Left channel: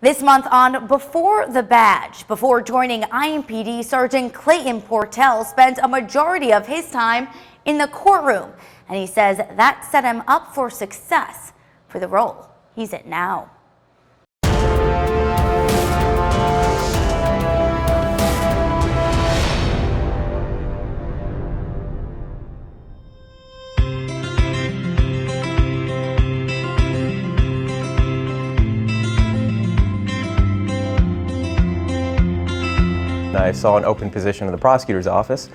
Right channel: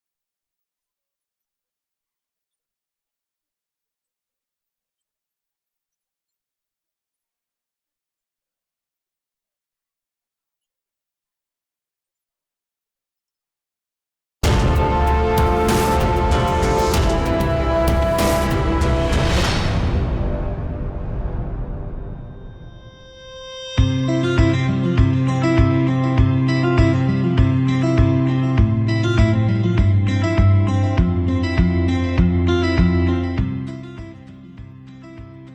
This month on Before the Badge, before joining IMPD Sergeant Clayton Portell spent a majority of his time in the courtroom, and he says that set him up for success for the role he's in now. I saw an open position in the prosecutor's office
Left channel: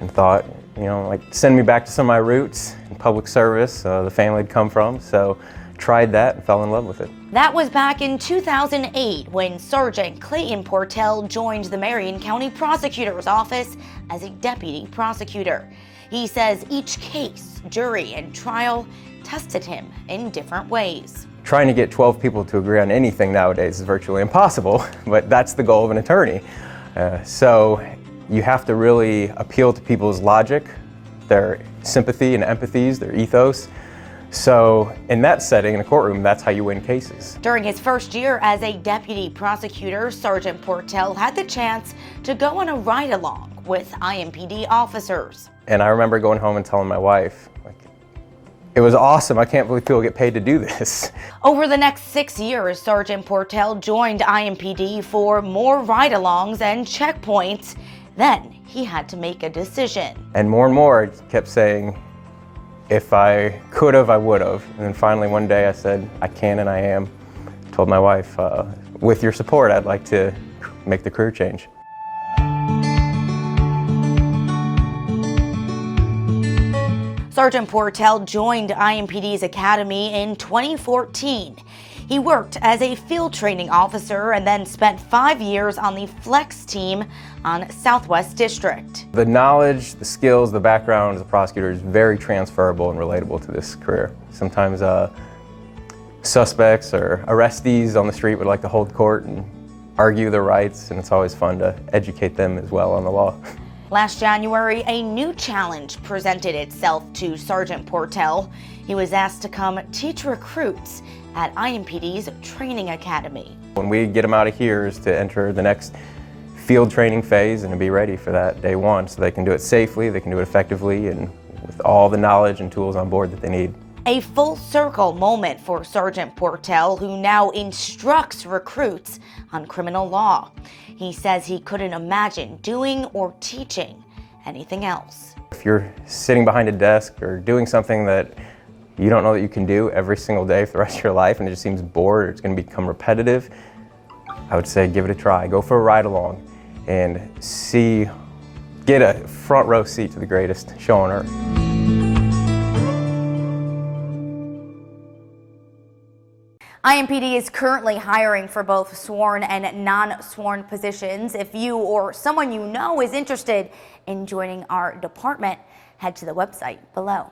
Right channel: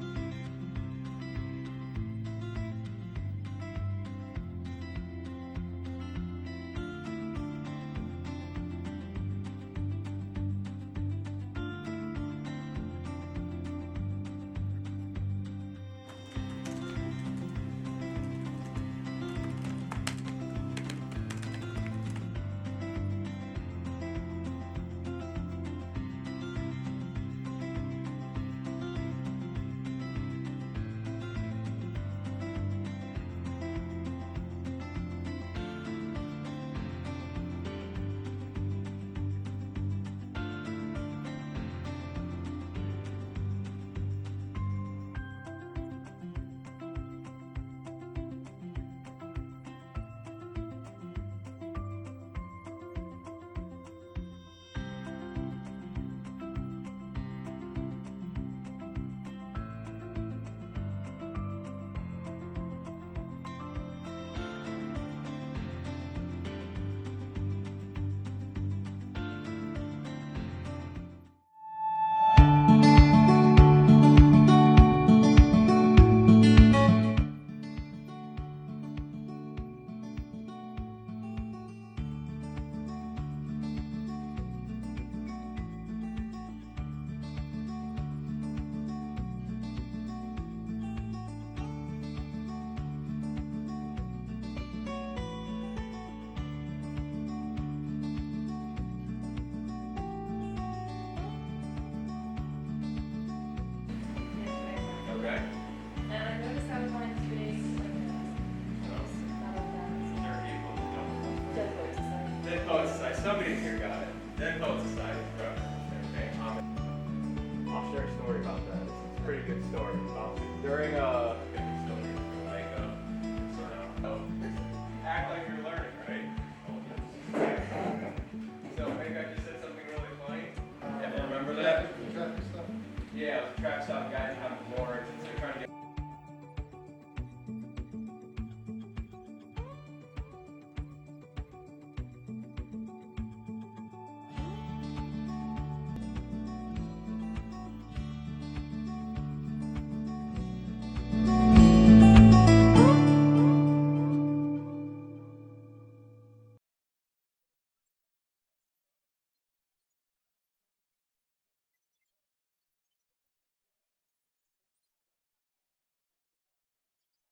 and thought, like send me back to some of my roots in public service, the family I'd come from, so tried that and fell in love with it. That was back in 2008 when Sergeant Clayton Portell joined the Marion County Prosecutor's Office as a deputy prosecutor. He says each case, jury, and trial tested him in different ways. Trying to get 12 people to agree on anything nowadays is virtually impossible, but that's the goal of an attorney. So you have to really appeal to people's logic, their sympathy and empathies, their ethos. So in that setting, in a courtroom, that's how you win cases. During his first year as a deputy prosecutor, Sergeant Portell had the chance to go on a ride-along with IMPD officers. And I remember going home and telling my wife, it was awesome. I can't believe people get paid to do this. Over the next 6 years, Sergeant Portell joined IMPD for more ride-alongs and checkpoints. Then he had to make a decision. And more, I kept saying, if I could have, I would have. And then finally one day I said, I can and I am. Told my wife, with your support, I'd like to make the career change. Sergeant Portell joined IMPD's Academy in 2014. He worked as a field training officer and then spent 5 years on the flex team on Southwest District. The knowledge, the skills, the background as a prosecutor is very transferable and relatable to this career. Sometimes suspects or arrestees on the street would like to hold court and argue their rights, and it's always fun to educate them as well on the law. Last January, a new challenge presented itself to Sergeant Portell. He was asked to come teach recruits at IMPD's training academy. When we get them out of here is to enter the next field training phase and to be ready for that day one so they can do it safely, they can do it effectively, and with all the knowledge and tools on board that they need. A full circle moment for Sergeant Portell, who now instructs recruits on criminal law. He says he couldn't imagine doing or teaching anything else. If you're sitting behind a desk or doing something that you don't know that you can do every single day for the rest of your life and it just seems bored or it's going to become repetitive, I would say give it a try. Go for a ride along and get a front row seat to the greatest show on earth. IMPD is currently hiring for both sworn and non-sworn positions. If you or someone you know is interested in joining our department, head to the website below.